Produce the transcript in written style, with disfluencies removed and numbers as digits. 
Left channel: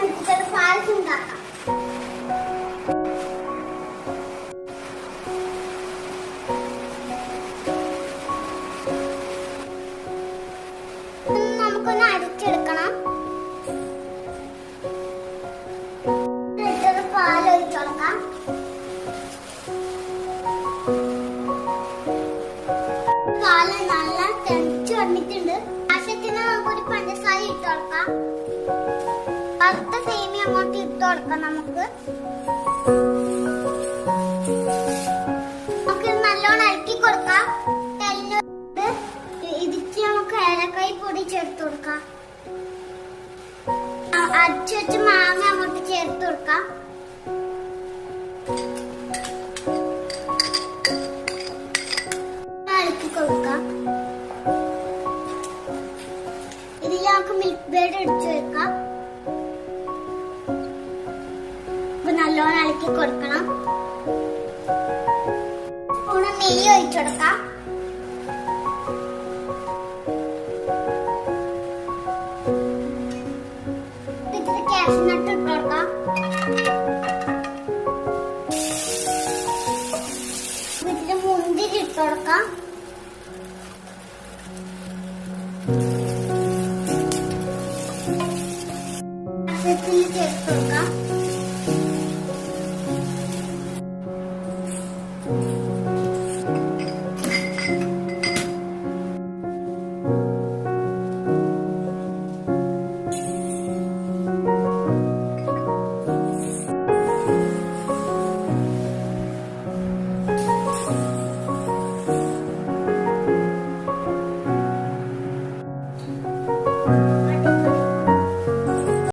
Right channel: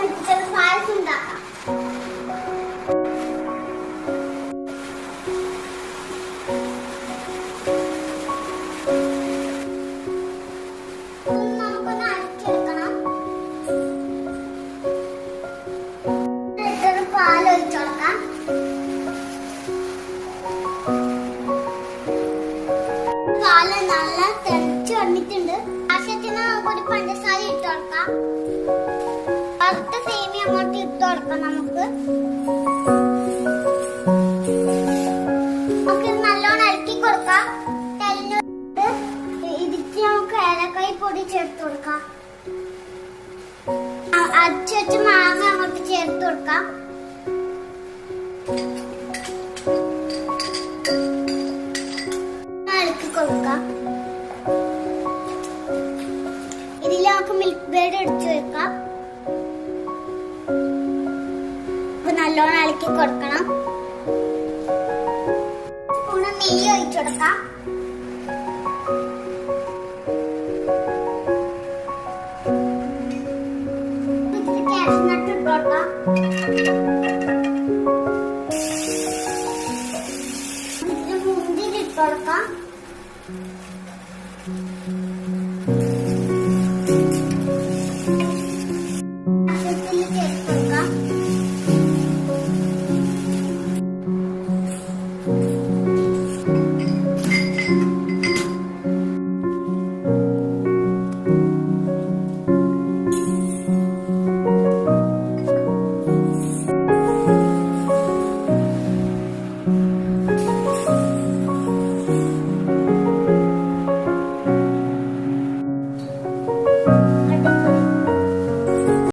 നമുക്ക് പായസം ഉണ്ടാക്കാം. നമുക്കൊന്ന് അരച്ചെടുക്കണം. പാൽ ഒഴിച്ചു കൊടുക്കാം. പാല് നല്ല തിളച്ചു വന്നിട്ടുണ്ട്. ആവശ്യത്തിന് നമുക്കൊരു പഞ്ചസാര ഇട്ട് കൊടുക്കാം. വറുത്ത സേമിയ അങ്ങോട്ട് ഇട്ട് കൊടുക്കാം. നമുക്ക് നല്ലോണം ഇളക്കി കൊടുക്കാം. ഇതിക്ക് നമുക്ക് ഏലക്കായ് പൊടി ചേർത്ത് കൊടുക്കാം. അരച്ചു വെച്ച് മാങ്ങ അങ്ങോട്ട് ചേർത്ത് കൊടുക്കാം. ഇളക്കി കൊടുക്കാം. ഇതിൽ നമുക്ക് മിൽക്ക് ബ്രെഡ് എടുത്തു വെക്കാം. നല്ലോണം ഇളക്കി കൊടുക്കണം. സ്പൂണ് നെയ്യ് ഒഴിച്ചു കൊടുക്കാം. ഇതിൽ കാഷ്നട്ട് ഇട്ട് കൊടുക്കാം. ഇതിൽ മുന്തിരി ഇട്ട് കൊടുക്കാം. ചേർത്ത്